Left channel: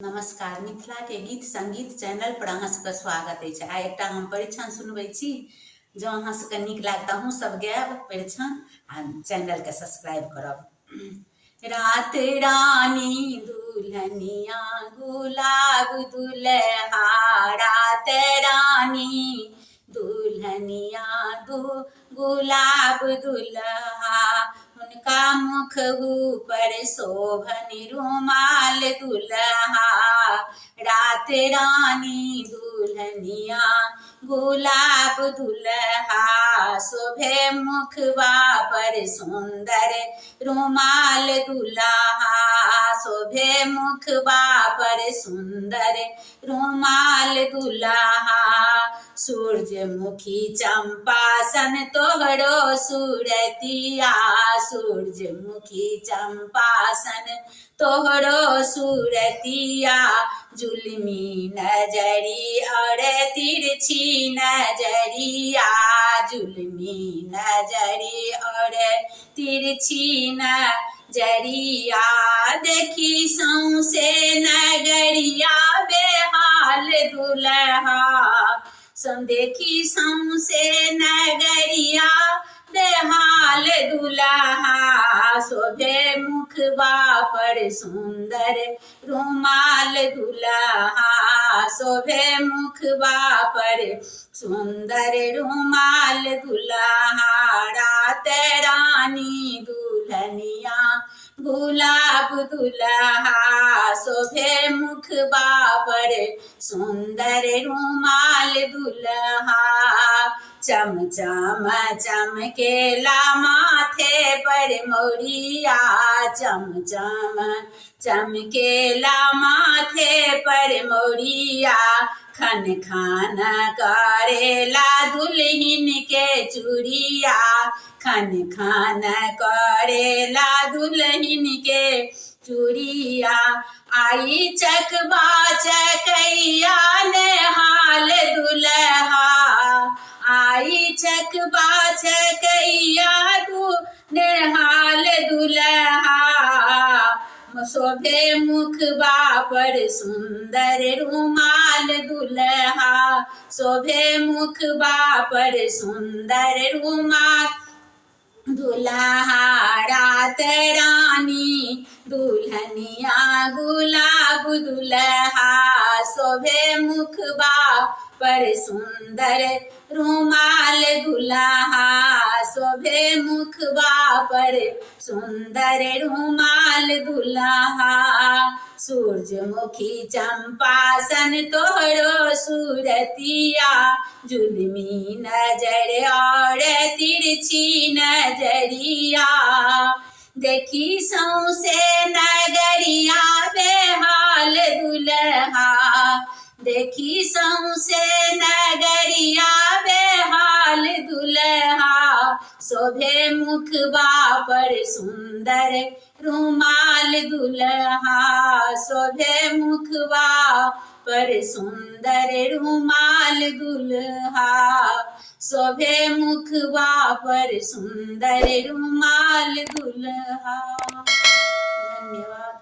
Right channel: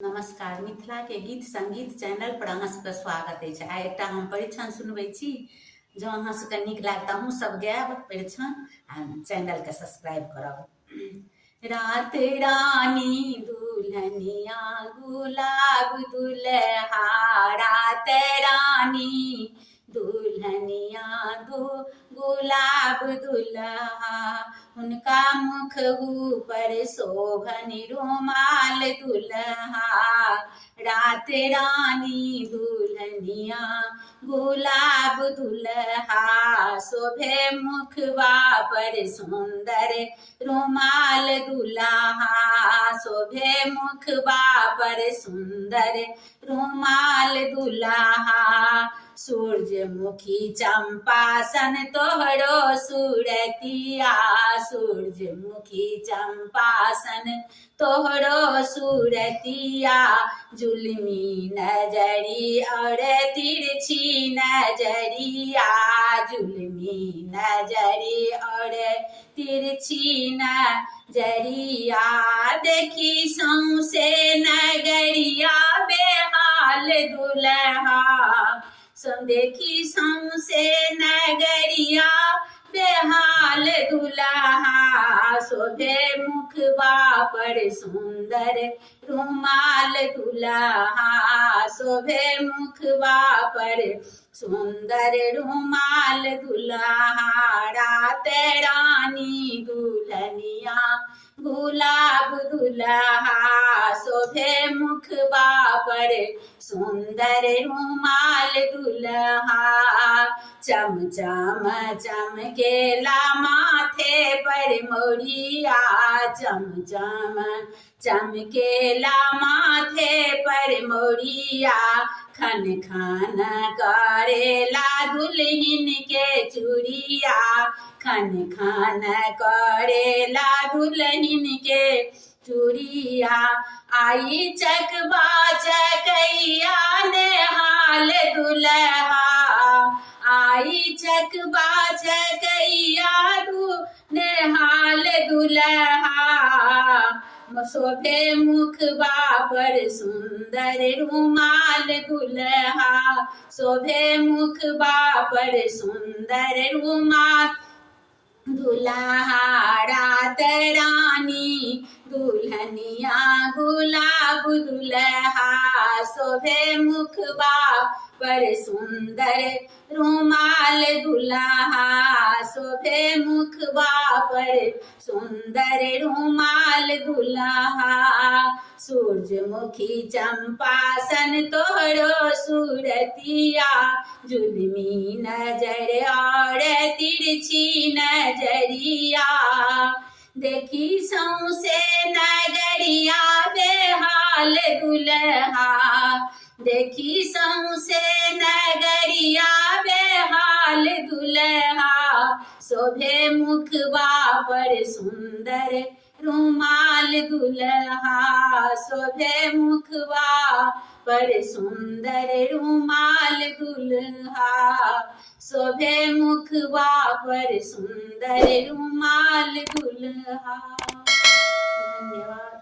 नमस्कार। मिथिला के गीत संगीत चैनल पर अहाँ सबके स्वागत है। आइ एकटा हम परीक्षण सुनबै छी। जो अहाँ सबके नीक लागत अहूँ सब गायब परीक्षण आ चैनल के सब्सक्राइब करब। रात रानी दुल्हनिया गुलाब दुल्हा, रात रानी दुल्हनिया गुलाब दुल्हा, उनका मुख ऊपर शोभन रुमाल दुल्हा, रात रानी दुल्हनिया गुलाब दुल्हा, शोभे मुखवा पर सुंदर रुमाल दुल्हा, शोभे मुखवा पर सुंदर रुमाल दुल्हा, सूरजमुखी चंपासन तोहरो सूरतिया, सूरजमुखी चंपासन तोहरो सूरतिया, जुल्मी नजरी और तिरछी नजरिया, जुल्मी नजरी और तिरछी नजरिया, देखी सौंसे नगरिया बेहाल दुल्हा, देखी सौंसे नगरिया बेहाल दुल्हा, शोभे मुखवा पर सुंदर रुमाल दुल्हा, शोभे मुखवा पर सुंदर रुमाल दुल्हा, रात रानी दुल्हनिया गुलाब दुल्हा, शोभे मुखवा पर सुंदर रुमाल दुल्हा, चम चम चमकेला माथे पर मोरिया, चम चम चमकेला माथे पर मोरिया, खन खन करेला दुल्हन के चूड़िया, खन खन करेला दुल्हन के चूड़िया, आई चकबा चकैया नेहाल दुल्हा, आई चकबा चकैया नेहाल दुल्हा, शोभे मुखवा पर सुंदर रुमाल दुल्हा, शोभे मुखवा पर सुंदर रुमाल दुल्हा, रात रानी दुल्हनिया गुलाब दुल्हा, शोभे मुखवा पर सुंदर रुमाल दुल्हा, शोभे मुखवा पर सुंदर रुमाल दुल्हा, सूरजमुखी चंपासन तोहरो सूरतिया, जुल्मी नजर और तिरछी नजरिया, देखी सौंसे नगरिया बेहाल दुल्हा, देखी सौंसे नगरिया बेहाल दुल्हा, शोभे मुखवा पर सुंदर रुमाल दुल्हा, शोभे मुखवा पर सुंदर रुमाल दुल्हा, शोभे मुखवा पर सुंदर रुमाल दुल्हा। धन्यवाद।